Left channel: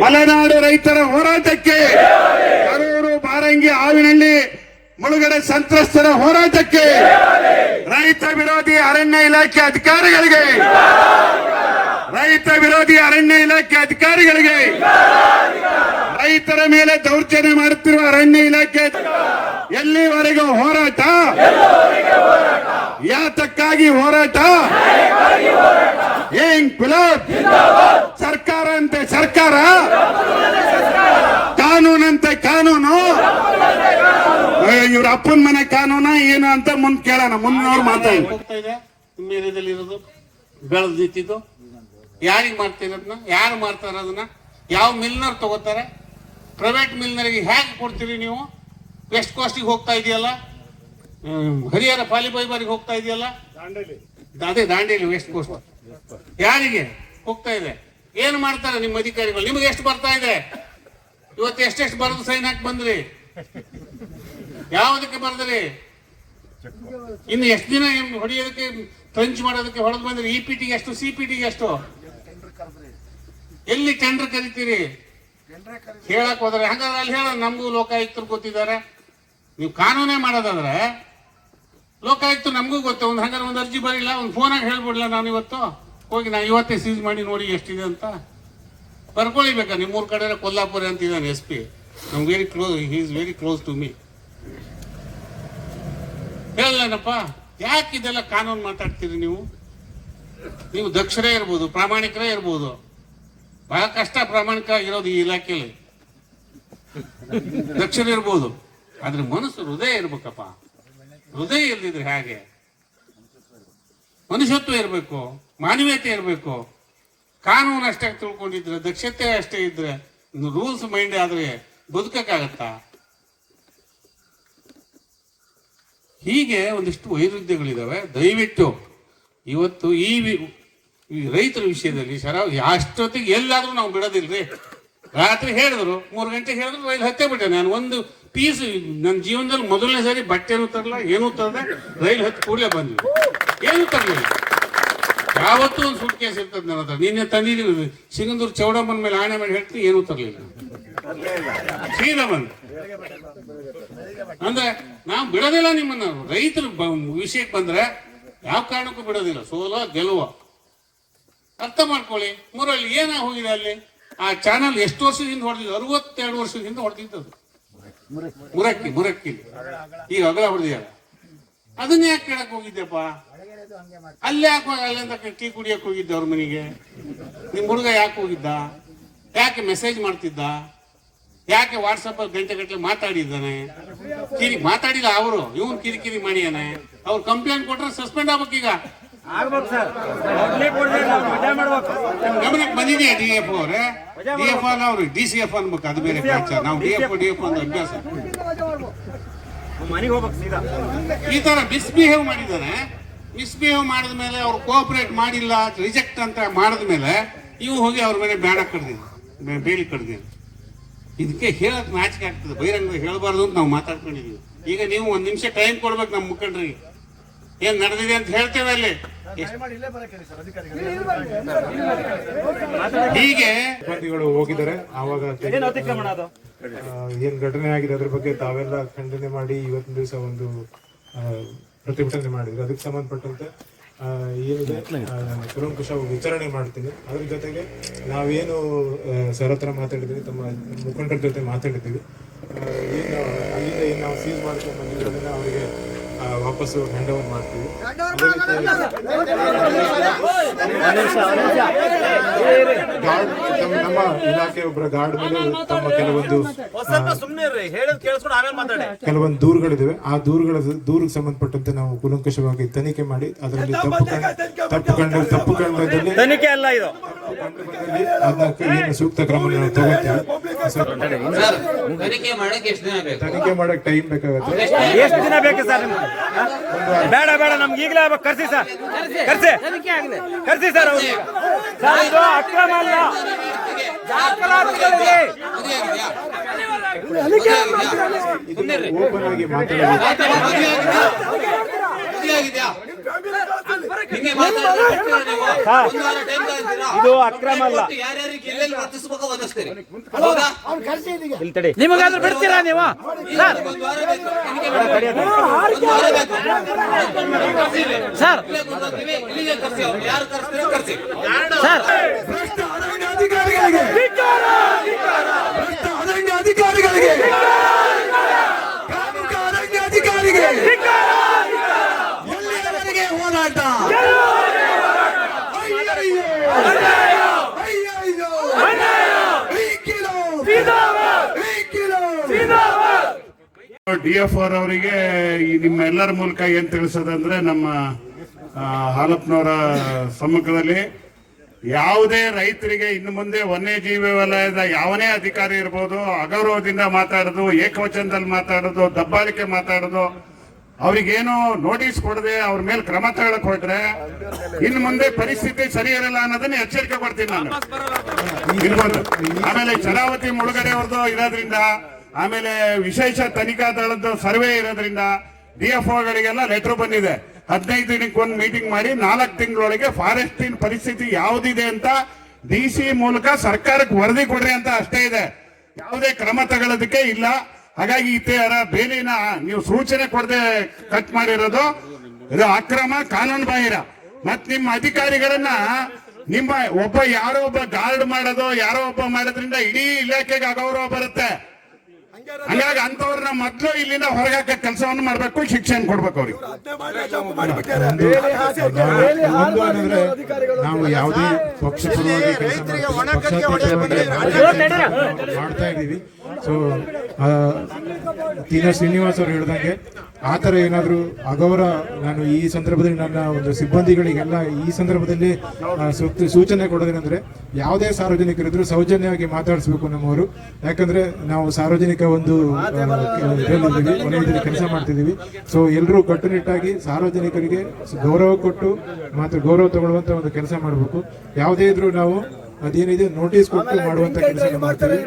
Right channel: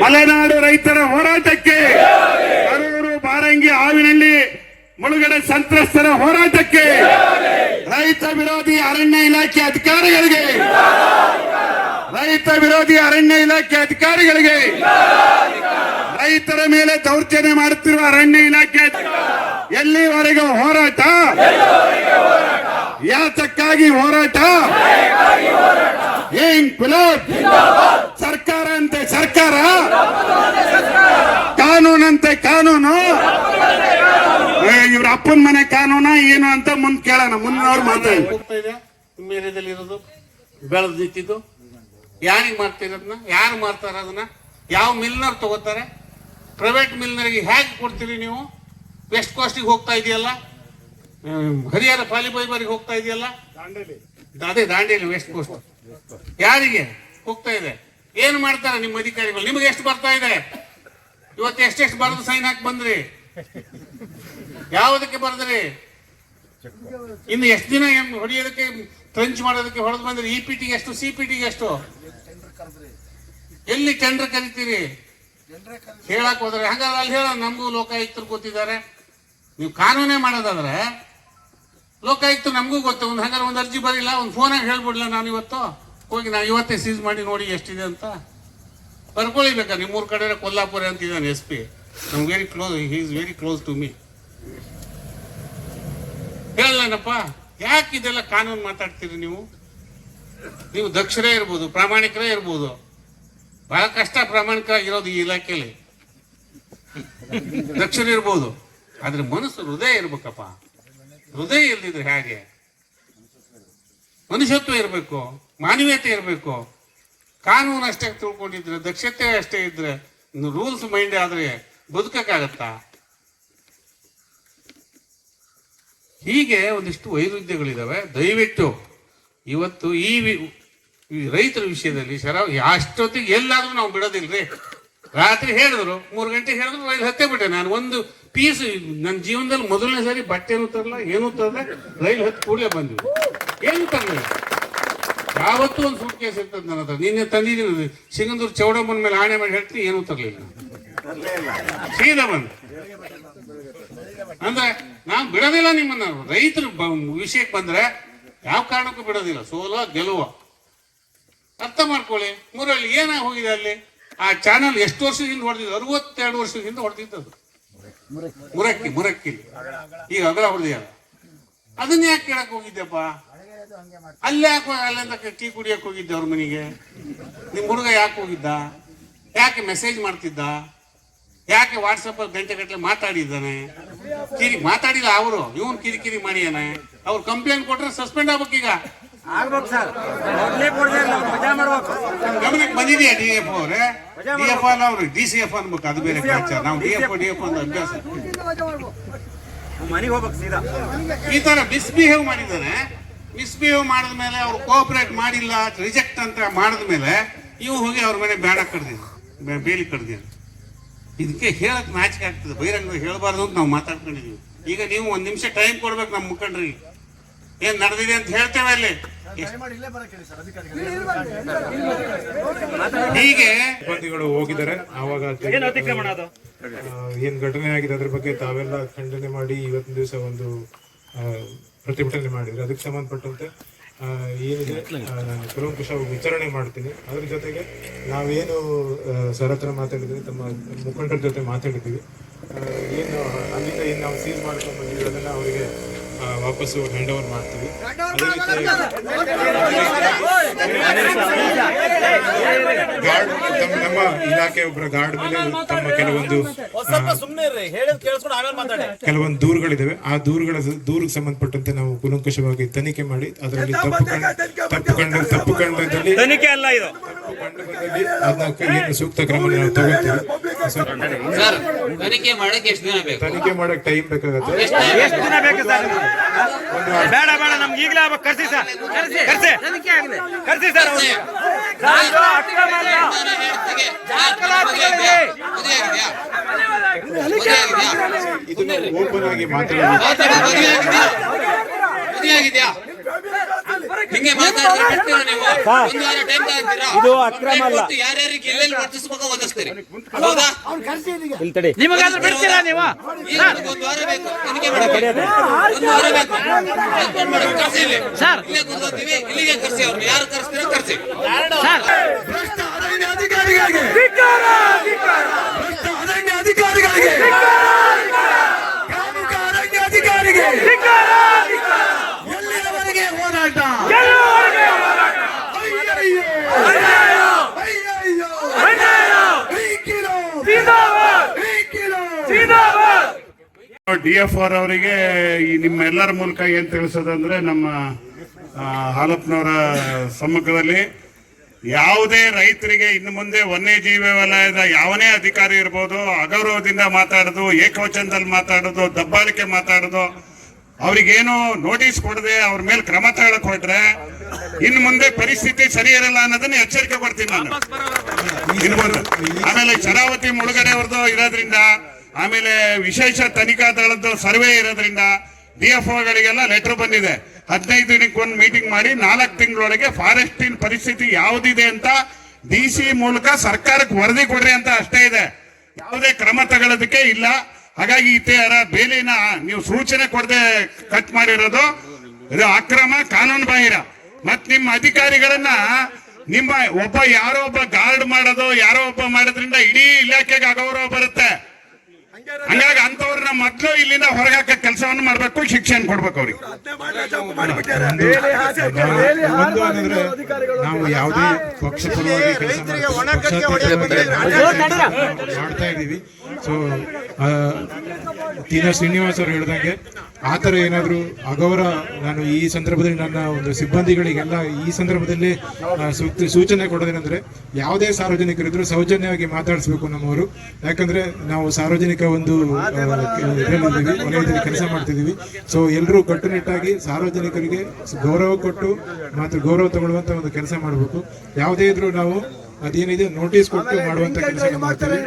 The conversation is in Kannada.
ಮಲೆನಾಡು ರೈತರ ಹೋರಾಟಕ್ಕೆ, ಕರೂರು ಬಾರಂಗಿ ಆವಿನಹಳ್ಳಿ ಮುಳುಗಡೆ ಸಂತ್ರಸ್ತರ ಹೋರಾಟಕ್ಕೆ, ರೈತ ವಿರೋಧಿ ಅರಣ್ಯ ಇಲಾಖೆ ಅಧಿಕಾರಿಗಳಿಗೆ, ರೈತ ವಿರೋಧಿ ಅರಣ್ಯ ಇಲಾಖೆ ಅಧಿಕಾರಿಗಳಿಗೆ, ರೈತರ ಮೇಲೆ ದೌರ್ಜನ್ಯ ಮಾಡುತ್ತಿರುವ ಅರಣ್ಯ ಇಲಾಖೆ ಎಲ್ಲಿವರೆಗೂ ಹೋರಾಟ, ಯಾತಕ್ಕಾಗಿ ಹೋರಾಟ, ಏನ್ ಗುಲಾಬ್ ಸರ್ಕಾರ ಅಂತೆ ಸರ್ಕಾರ, ಕಾನೂನಂತೆ ಕಾನೂನು, ಇವ್ರ ಅಪ್ಪನ ಮನೆ ಕಾನೂನ ಏನು ಅಂತ ಮುಂದೆ ಕೇಳೋಣ. ಮುಂದಿನವ್ರು ಮಾತಾಡಿ ಹೋಗ್ತಾ ಇದೆ. ನಿಮ್ಮ ಏರಿಯಾದಲ್ಲಿ ಇರೋದು ಬೆಳೆದು ನಿಂತಿದ್ದು ಯಾರಿಗೆ ಮಾಡ್ತಿರೋದನ್ನ, ಯಾರು ಮಾಡ್ತಾರ ಅದನ್ನ, ಯಾವ ಮಿಲ್ನರ್ ತಗೋತಾರೆ, ಪ್ರೈವೇಟ್ ಮಿಲ್ನರಿಗೆ ಹೇಗೆ ಕೊಡ್ತೀರಿ ನೀವು? ವೆಸ್ಟ್ ಕಾಸ್ಟಿಗೆ ಹೋಗ್ತಾ ಇದೆಯಲ್ಲ, ಹರಿಹರ ಪಾಲಿಬೈಬರಿಗೆ ಹೋಗ್ತಾ ಇದೆಯಲ್ಲ, ಅದೇ ದಾಂಡೇಲಿ ವೆಸ್ಟ್ ಕೋಸ್ಟ್ ಯಾರಿಗೆ ಹೋಗ್ತಾ ಇದೆ? ಏನ್ ಮಾಡ್ತಾರೆ ನಿಮ್ಮ ಅಧಿಕಾರಿಗಳು? ನಿಮ್ಗೆ ಎಷ್ಟು ಬರ್ತಾ ಇದೆ? ಇವತ್ತು ಎಷ್ಟೆಷ್ಟು ಬರೆದು ಸೈನ್ ಹಾಕಿ ಬಂದ್ರಿ? ಯಾವುದಕ್ಕೆ ಬರೆದ್ರಿ? ಇನ್ನು ಎಷ್ಟು ದಿನ ಹೊಡೆಯೋದಕ್ಕೆ, ಟ್ರಂಚ್ ಮಾಡೋದಕ್ಕೆ ಹೊಡೆದು ಬಂದ್ರಿ? ಇಪಿಟಿಗೆ ಎಷ್ಟು, ಸಿಪಿಟಿಗೆ ಎಷ್ಟು? ಎಲ್ಲಿ ಟೆಂಡರ್ ಕರಿತೀರಿ? ಹೇಳಕ್ ಹೋದ್ರೆ ಹಾಗಾದ್ರೆ ಅಲ್ಲಿ ಹೇಳ, ನಮಗೂ ಲೋಕಾಯುಕ್ತರು ಗೊತ್ತಿದ್ದಾರೆ. ನೀವು ಕಾನೂನೇ ಮಾಡೋದಾದ್ರೆ ಲೋಕಾಯುಕ್ತ ನಮಗೂ ಗೊತ್ತು. ಹಾಗಾದ್ರೆ ಒಂದು ಅರ್ಜಿ ಬರಿಲ್ಲ, ಒಂದು ಫೋನಾಗಿ ಹೇಳ್ಬಿಡ್ಲ, ನಾನು ಇವತ್ತು ಹೋಗಿ ನಾನು ಇವತ್ತೇ ಸೀಸ್ ಮಾಡಿ ನೋಡಿ ಎಷ್ಟಿದೆ ಅಂತ ಬರ್ಕೊಳಿಬೇಕಾ? ನಿಮ್ಮೂರ್ ಕಡೆ ಕೊಲ್ಲಾಪುರ ಅಂತ ಇದ್ದಾನೆ SP, ನಮ್ very close, he is very close to me. ಹೇಳಲ್ಲನಪ್ಪ, ಯಾಕೆ ಇದೆಲ್ಲ ಕಾನೂನು ಮಾತಾಡ್ತೀರಿ ನೀವು? ನೀವು ದಕ್ಷರೇ ಇರ್ಬೋದು, ಪ್ರಾಮಾಣಿಕರೇ ಇರ್ಬೋದು, ಬಹಳ ಕಷ್ಟ ಪ್ರಾಮಾಣಿಕರಾಗಿರೋದು ಈ ಇಲಾಖೆಯಲ್ಲಿ. ದಕ್ಷರಿರ್ಬೋದು, ಆದ್ರೆ ಮನಸ್ಸು, ಹೃದಯ ಇರ್ಬೇಕಪ್ಪ. ಹೃದಯ ಇಲ್ದಿದ್ರೆ ಹೇಗೆ? ಮನುಷ್ಯತ್ವ ಇರಬೇಕು, ಮಾನವೀಯತೆ ಇರಬೇಕು. ಕಾನೂನು ಅಷ್ಟೇ ತಿಳ್ಕೊಂಡಿದ್ರೆ, ದಕ್ಷತೆ ಅಷ್ಟೇ ಇದ್ರೆ, ರೂಲ್ಸ್ ಮೈಂಡ್ ಆದ್ರೆ ಬದುಕಕ್ಕಾಗತ್ತಾ? ಹೀಗೆ ಒಂದಿಷ್ಟು ವೈರುಧ್ಯಗಳಿದಾವೆ. ದಯವಿಟ್ಟು ಇವತ್ತು ಈ ರೈತರ ವಿಷಯದಲ್ಲಿ ಅಷ್ಟೊತ್ತಿಗೆ ಎಲ್ಲಾದ್ರೂ ನಾವು ಬಿಡೋದಿಲ್ರಿ. ರಾತ್ರಿ ಹೇಳಿದ್ರು, 3 ಗಂಟೆ ಹೇಳಿದ್ರು, ರೈಲು ಹತ್ತೇ ಬಿಟ್ಟೆ. ನಾನು ಒಂದು ಪೀಸ್ ನನ್ನ ಜೀವನದಲ್ಲಿ ಮೊದಲನೇ ಸರಿ ಬಟ್ಟೆನೂ ತರಲ್ಲ, ಏನೂ ತರದೆ ರೈಲು ಹತ್ತು ಕೂಡಲೇ ಬಂದ್ವಿ. ಏನೂ ತರಲಿಲ್ಲ. ಯಾವತ್ತೂ ಒಂದು ಸೂಟ್ ಕೇಸ್ ಇರ್ತದೆ ನನ್ನ ಹತ್ರ. ನಿನ್ನೆ ತಂದಿದ್ದೀನಿ, ಸಿಂಗಂದೂರು ಚೌಡಮ್ಮನ ಮೇಲೆ ಆಣೆ ಮಾಡಿ ಹೇಳ್ತೀನಿ, ಏನೂ ತರಲಿಲ್ಲ. ಸೀದಾ ಬಂದು ಅಂದ್ರೆ ನಾವು ಬಿಡೋದಿಲ್ಲ ನಿಮ್ಮನ್ನ. ರೈತರು ವಿಷಯಕ್ಕೆ ಬಂದ್ರೆ ಯಾವ ಕಾರಣಕ್ಕೂ ಬಿಡೋದಿಲ್ಲ. ಸೋಲೋ ಗೆಲುವ ಅರ್ಥ ಮಾಡ್ಕೊಳ್ಳಿ. ಮುರಳಿ ಏನ ಹೋಗಿದೆ ಅಲ್ಲಿ? ಆ ಚಾನಲ್ ಎಷ್ಟು ವರ್ಷದಿಂದ ಹೊಡೆದಿದ್ದು? 62 ವರ್ಷದಿಂದ ಹೊಡೆದಿದ್ದದು. ಮುರಕ್ಕಿ ಈಗ ಅಗಲ ಹೊಡೆದಿಲ್ಲ. ಅದನ್ನ ಯಾಕೆ ಕೇಳಕ್ ಹೋಗಿದ್ದೆಪ್ಪ? ಅಲ್ಲಿ ಯಾಕೆ ಅಲ್ಲಂತ ಟೀ ಕುಡಿಯಕ್ ಹೋಗಿದ್ದೆ ಅವ್ರ ಮನೆಗೆ? ನಿಮ್ ಹುಡುಗ ಯಾಕೆ ಹೋಗಿದ್ದ? ಯಾಕೆ ಮೆಸೇಜ್ ಮಾಡ್ತಿದ್ದ? ಯಾಕೆ ವಾಟ್ಸಪ್ ಗಂಟೆ ಮಾತಾಡಿದ್ದಾನೆ? ಮಾತಾಡಿಲ್ಲ ಅವರು, ಇವನ್ ಕಿರಿಕಿರಿ ಮಾಡಿಯಾನೆ. ಅವ್ರು ಕಂಪ್ಲೇಂಟ್ ಕೊಟ್ರೆ ಸಸ್ಪೆಂಡ್ ಆಗ್ಬೇಕೀಗ. ಗಮನಕ್ಕೆ ಬಂದಿದೆಯಾ DF ಅವ್ರೆ? DF ಅವ್ರು DCF ಅನ್ಬೇಕು, ಅದು ಬೇರೆ ಫ್ರಾಕ್ಚರ್. ನಾವು DF ಅಂತ ಅಭ್ಯಾಸ. ಈ ತರ ಮಿಸ್ಬಿಹೇವ್ ಮಾಡಿದ್ದಾನೆ. ಮಿಸ್ಬಿಹೇವ್ ಮಾಡಿದ್ಮೇಲೆ ಅವ್ರು ಕೋಆಪರೇಟ್ ಮಾಡಿಲ್ಲ, ರಿಜೆಕ್ಟ್ ಅಂತ ಮಾಡಿದ್ಮೇಲೆ ಇವು ಹೋಗಿ ಅವ್ರ ಮೇಲೆ ಬೇಲಿ ಕಡ್ದೀನಿ. ಇದಕ್ಕೆ ಹೇಳಕ್ ನಾಚಿಕೆ ಆಗ್ತದೆ. ಬಹಿರಂಗ ಹೇಳಬಾರ್ದು ಅಂತ ನಾವು ಮಾತಾಡ್ಕೊಂಡಿದೀವಿ. ಈಗ ನೀವು 1 ನಿಮಿಷ ಟೈಮ್ ಕೊಡ್ಬೇಕು ನಮ್ಮ ಮುಖಂಡ್ರಿಗೆ. ಏನ್ ನಡೆದಿದೆ ಅಂತ ಹೇಳ್ತೇವೆ ಅಲ್ಲಿ. ಹೀಗೆ ಸಿಬ್ಬಂದಿಗಳು ಹೋಗಿದ್ದಾರೆ. ಆವಾಗ ಏನ್ ಘಟನೆ ಆಗಿದೆ ಅದ್ರ ಬಗ್ಗೆ ತಾವೆಲ್ಲ ಖಂಡನೆ ಮಾಡಿ ಇವತ್ತಿನ ದಿವಸ ಒಂದು ಪ್ರತಿಭಟನೆ ಮಾಡಿದ್ರು. ಅದಕ್ಕೆ ಸಂಬಂಧಪಟ್ಟಂತೆ ಏನಿದೆ ಕುಲಂಕುಷವಾಗಿ ವಿಚಾರಣೆ ಮಾಡ್ತೀನಿ. ಅದ್ರ ಜೊತೆಗೆ ನಾವೇನು ಸರ್ ಹತ್ರ ಮಾತಾಡಿದ್ವಿ, ತಮ್ಮ ಮುಖಂಡರ ಜೊತೆ ಮಾತಾಡಿದ್ದೀವಿ. ಏನು ಅಲ್ಲಿಂದ ಏನು ನಾವು ಸೀಸ್ ಮಾಡ್ಕೊಂಡು ಬಂದಿರೋದನ್ನ ಅವರಿಗೆ ವಾಪಸ್ಸು ಹ್ಯಾಂಡ್ ಓವರ್ ಮಾಡ್ತೀವಿ. ಅದೇ ರೀತಿ ಗಾರ್ಡ್, ನಮ್ಮ ಇಲಾಖೆ ಒಬ್ಬರ ಗಾರ್ಡ್ ಮೇಲೆ ತಮ್ಮ ಕೆಲವೊಂದು ದೂರುಗಳಿದಾವೆ. ಆ ದೂರಿಗೆ ಸಂಬಂಧಪಟ್ಟಂತೆ ನಾವು ಕೂಲಂಕಷವಾಗಿ ತನಿಖೆ ಮಾಡಿ ಅದರಲ್ಲಿ ತಪ್ಪು ಕಂಡದಲ್ಲಿ ಅದನ್ನ ಏನು ಸೂಕ್ತ ಕ್ರಮ ನಾವು ತಗೋತೀವಿ. ತನಿಖೆ ಮಾಡಕ್ ಟೈಮ್ ಬೇಕಾಗತ್ತೆ. ಬೇಡ ನಮ್ಗೆ ಈಗಲೇ ಕರ್ಸಿ ಸರ್, ಕರ್ಸಿ ಸರ್. ಓಪನ್ ಆಗಿ ಮಾತಾಡೋದು ಹಿಂಗೆ ಮಾತಾಡಿದ್ರೆ ಬಿಡ್ತೀರಾ ನೀವು? ಒಂದು ವಾರ ಟೈಮ್ ತಗೊಂತೀರಾ? ಇದು ಅಕ್ರಮ ಅಲ್ಲ. ಯಾರ್ಯಾರಿಗೆ ಎಲ್ಲೆಲ್ಲಿ ವರ್ತಿಸ್ಬೇಕು ಓದಿಸ್ತೀರಿ, ಹೌದಾ? ಇಲ್ಲಿ ತಡಿ. ನಿಮಗಾದ್ರೂ ಬಿಡ್ತೀರಾ ನೀವು? ಈಗ ಒಂದು ವಾರ ಬೇಕು, ತನಿಖೆ ಮಾಡಕ್ಕೆ ಒಂದು ವಾರ ಬೇಕು. ಮೇಡಮ್ ಕರ್ಸಿ ಇಲ್ಲಿ. ಇಲ್ಲೇ ಕೂತ್ಕೊಳ್ತೀವಿ, ಇಲ್ಲಿಗೆ ಕರ್ಸಿ. ಅವ್ರು ಯಾರು ಕರ್ಸ್ತೀರೋ ಕರ್ಸಿ. ಭ್ರಷ್ಟ ಅರಣ್ಯ ಅಧಿಕಾರಿಗಳಿಗೆ ಭ್ರಷ್ಟ ಅರಣ್ಯ ಅಧಿಕಾರಿಗಳಿಗೆ ಗ್ರಾಮೀಣ ಅರಣ್ಯ ಅಧಿಕಾರಿಗೆ ಎಲ್ಲಿಯವರೆಗೆ ಹೋರಾಟ? DFR ಅವರಿಗೆ ಈ ನಿಮ್ಮೆಲ್ಲರ ಮೂಲಕ ಏನ್ ತಿಳಿಸೋದಂದ್ರೆ, ನಮ್ಮ ಹಾಲಪ್ಪನವರ ಸಮ್ಮುಖದಲ್ಲಿ ಯಾವುದೇ ರೈತರಿಗೆ ಇನ್ನು ಮುಂದೆ ವನ್ಯಜೀವಿ ವಲಯದ ಯಾವನೇ ಅಧಿಕಾರಿ ಇರ್ಬೋದು, ಅಗೌರವದಿಂದ ಮಾತಾಡೋದು, ಏಕವಚನದಲ್ಲಿ ಮಾತಾಡೋದು, ದಬ್ಬಾಳಿಕೆ ಮಾತಾಡೋದು, ಅವ್ರಿಗೇನು ನೋಟಿಸ್ ಕೊಡದೆ ಅವ್ರ ಮೇಲೆ ಕ್ರಮ ತಗೊಳಕ್ ಹೊರಟ್ರೆ ಇನ್ನು ಮುಂದೆ ಪರಿಸ್ಥಿತಿ ಸರಿ ಇರಲ್ಲ ಅನ್ನೋದನ್ನ ಎಚ್ಚರಿಕೆ ಕೊಡ್ತೀನಿ ನಾನು. ಇರ್ಬೋದು. ಆಮೇಲೆ ಶರಾವತಿ ಮುಳುಗಡೆ ಅವ್ರದ್ದು ಇರೋದ್ರಿಂದ, ಆಮೇಲೆ ವಿಶೇಷ ತನಿಖಾ ದಳದ ಸರ್ವೆ ಇರೋದ್ರಿಂದ DFOಗಳಿಗೆಲ್ಲ ಲೆಟರ್ ಬಂದಿದೆ. 15 ದಿನಕ್ಕೊಂದು ಮೀಟಿಂಗ್ ಮಾಡಿ 4 ತಿಂಗಳೊಳಗೆ ಫಾರೆಸ್ಟಿನ ಪರಿಸ್ಥಿತಿ ಯಾವುದಿದೆ ಅಂತ DC ಮೂಲಕ ಸರ್ಕಾರಕ್ಕೆ ವರದಿ ಕೊಡ್ರಿ ಅಂತ ಅಷ್ಟೇ ಇದೆ. ಯಾವುದೇ ಕ್ರಮ ತಗೊಳ್ಳೋದಕ್ಕೆ ಇಲ್ಲ. ಹಾಗಾಗಿ ಇತರ ಬೇಲಿನ ನೀವು ಸೂಚನೆ ಕೊಡದೆ ಕಟ್ ಮಾಡಿರೋದು ಇದು ಅಕ್ರಮ, ಕಾನೂನು ಬಾಹಿರ. ಮತ್ ನಿಮ್ಮ ಅಧಿಕಾರಿಗಳನ್ನ ನಿಮ್ಮ ಯಾರೋ ಒಬ್ಬ ಗಾರ್ಡ್ ಮಾಡೋದು, ಯಾರೋ ಒಬ್ಬ ಮಾಡೋದ್ರಿಂದ ಇಡೀ ಇಲಾಖೆಗೆ ಅಗೌರವ ಬರುತ್ತೆ. ಹಂಗಾಗಿ ಅಂತವ್ರನ್ನ ಮೊದಲು ಇಲ್ಲಿಂದ ಹೊರಗಾಕ ಕೆಲಸವನ್ನು ಮಾಡ್ಬೇಕು, ಶಿಕ್ಷಣ ಕೊಡ್ಬೇಕು ಅವ್ರಿಗೆ. ಒಂದು ಏನಂದ್ರೆ, ನಾವು ಯಾವುದೇ ಪಕ್ಷ ಪರವಾಗಿ ಮಾಡ್ತಾ ಇದ್ದೀವಿ. ಸೊ ತೀನಾ ಶ್ರೀನಿವಾಸ್ ಅವರು ಹೇಳಿದಂಗೆ ಆತರ ಏನಾದ್ರು ಅಗೌರವ, ನಾನು ಈ ಸಂದರ್ಭದಲ್ಲಿ ನನ್ನ ಒಂದು ಸಿಬ್ಬಂದಿಗಳಿಗೆಲ್ಲ ಈ ಸಂದರ್ಭದಲ್ಲಿ ಸೂಚನೆ ಕೊಡೋದೇನೆಂದ್ರೆ, ಯಾವುದೇ ಸಾರ್ವಜನಿಕರಿದ್ರು ಸೌಜನ್ಯವಾಗಿ ಮಾತಾಡಿಸ್ಬೇಕು ನಮ್ಮವರು. ಯಾಕಂದ್ರೆ ನಾವು ಸಾರ್ವಜನಿಕ ಒಂದು ಇದರಲ್ಲಿ ವಲಯದಲ್ಲಿ ಕೆಲಸ ಮಾಡ್ತಿದ್ದೀವಿ. ಸೊ ಎಲ್ಲರೂ ಕಟ್ಟುನಿಟ್ಟಾಗಿ ಸಾರ್ವಜನಿಕರಿಗೆ ಗೌರವ ಕೊಟ್ಟು ಮತ್ತು ಗೌರವ ತಗೊಳ್ಳುವಂತ ಒಂದು ಕೆಲಸ ಮಾಡಬೇಕು. ಯಾವುದೇ ಇದ್ರೂ ನಾವು ಅದೇನಿದೆ ನೋಟಿಸ್ ಕೊಟ್ಟು ಮಾಡುವಂತ ಕೆಲಸ ಮಾಡ್ತೀವಿ.